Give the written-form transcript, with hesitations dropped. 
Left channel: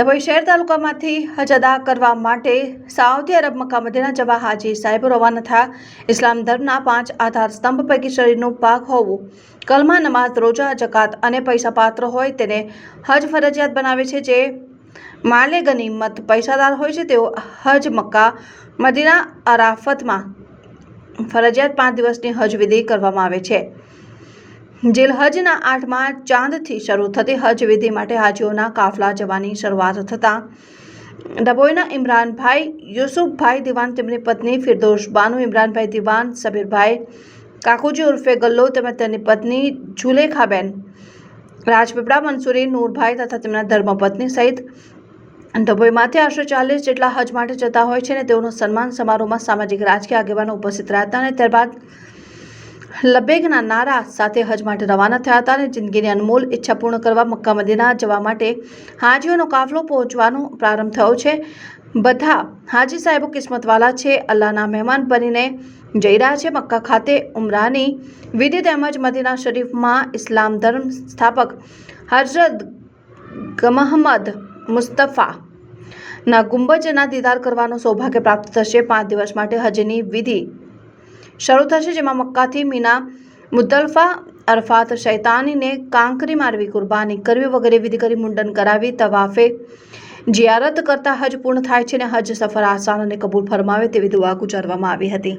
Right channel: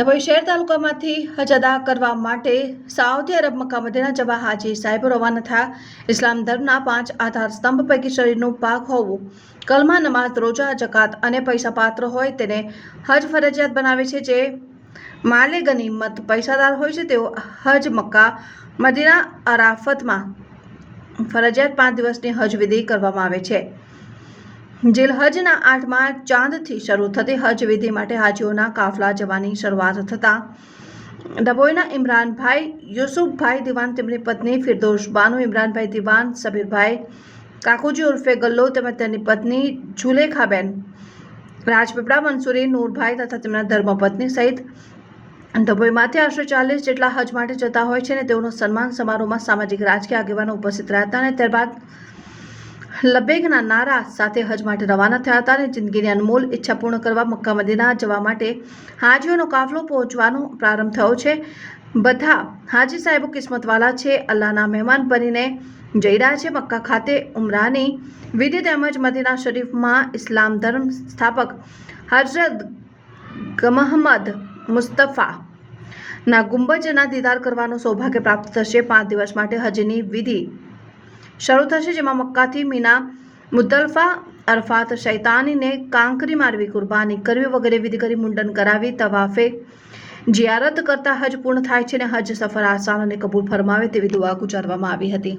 ડભોઈ શહેર તાલુકામાંથી હજ અદા કરવા માટે સાઉદી અરબ મક્કા મદીના જવા હાજી સાહેબ રવાના થયા। ઇસ્લામ ધર્મના 5 આધાર સ્તંભ પૈકી શરીરનું પાક હોવું, કલમા, નમાઝ, રોજા, જકાત અને પૈસા પાત્ર હોય તેને હજ ફરજિયાત બનાવે છે। જે માલે ગનીમત પૈસાદાર હોય છે તેઓ હજ મક્કા મદીના અરાફતમાં ફરજિયાત 5 દિવસની હજ વિધિ કરવામાં આવે છે। જીલહજના 8મા ચાંદથી શરૂ થતી હજ વિધિ માટે હાજીઓના કાફલા જવાની શરૂઆત થતાં ડભોઈના ઇમરાનભાઈ યુસુફભાઈ દિવાન, તેમની પત્ની ફિરદોશ બાનુ, ઇમરાનભાઈ દિવાન, સબીરભાઈ કાકુજી ઉર્ફે ગલ્લો તેમજ તેની પત્ની જુલેખાબેન રાજપીપળા, મંસૂરી નૂરભાઈ તથા તેમના ધર્મપત્ની સહિત ડભોઈમાંથી આશરે 40 જેટલા હજ માટે જતા હોય છે અને તેઓનો સન્માન સમારોહમાં સામાજિક રાજકીય આગેવાનો ઉપસ્થિત રહ્યા હતા અને ત્યારબાદ લબેગના નારા સાથે હજ માટે રવાના થયા હતા અને જિંદગીની અનમોલ ઈચ્છા પૂર્ણ કરવા મક્કા મદીના જવા માટે હાજીઓનો કાફલો પહોંચવાનો પ્રારંભ થયો છે। બધા હાજી સાહેબો કિસ્મતવાલા છે, અલ્લાહના મહેમાન બનીને જઈ રહ્યા છે। મક્કા ખાતે ઉમરાની વિધિ તેમજ મદીના શરીફમાં ઇસ્લામ ધર્મ સ્થાપક હજરત ગમહમદ મુસ્તફાના ગુંબજના દીદાર કરવાનું સૌભાગ્ય પ્રાપ્ત થશે। 5 દિવસ માટે હજની વિધિ શરૂ થશે, જેમાં મક્કાથી મીના, મુદ્દલફા, અરફાત, શૈતાનીને કાંકરી મારવી, કુરબાની કરવી વગેરે વિધિ કરી મુંડન કરાવી તવાફે જિયારત કરતા હજ પૂર્ણ થાય છે અને હજ સફર આસાન અને કબૂલ ફરમાવે તેવી દુઆ ગુજારવામાં આવી હતી।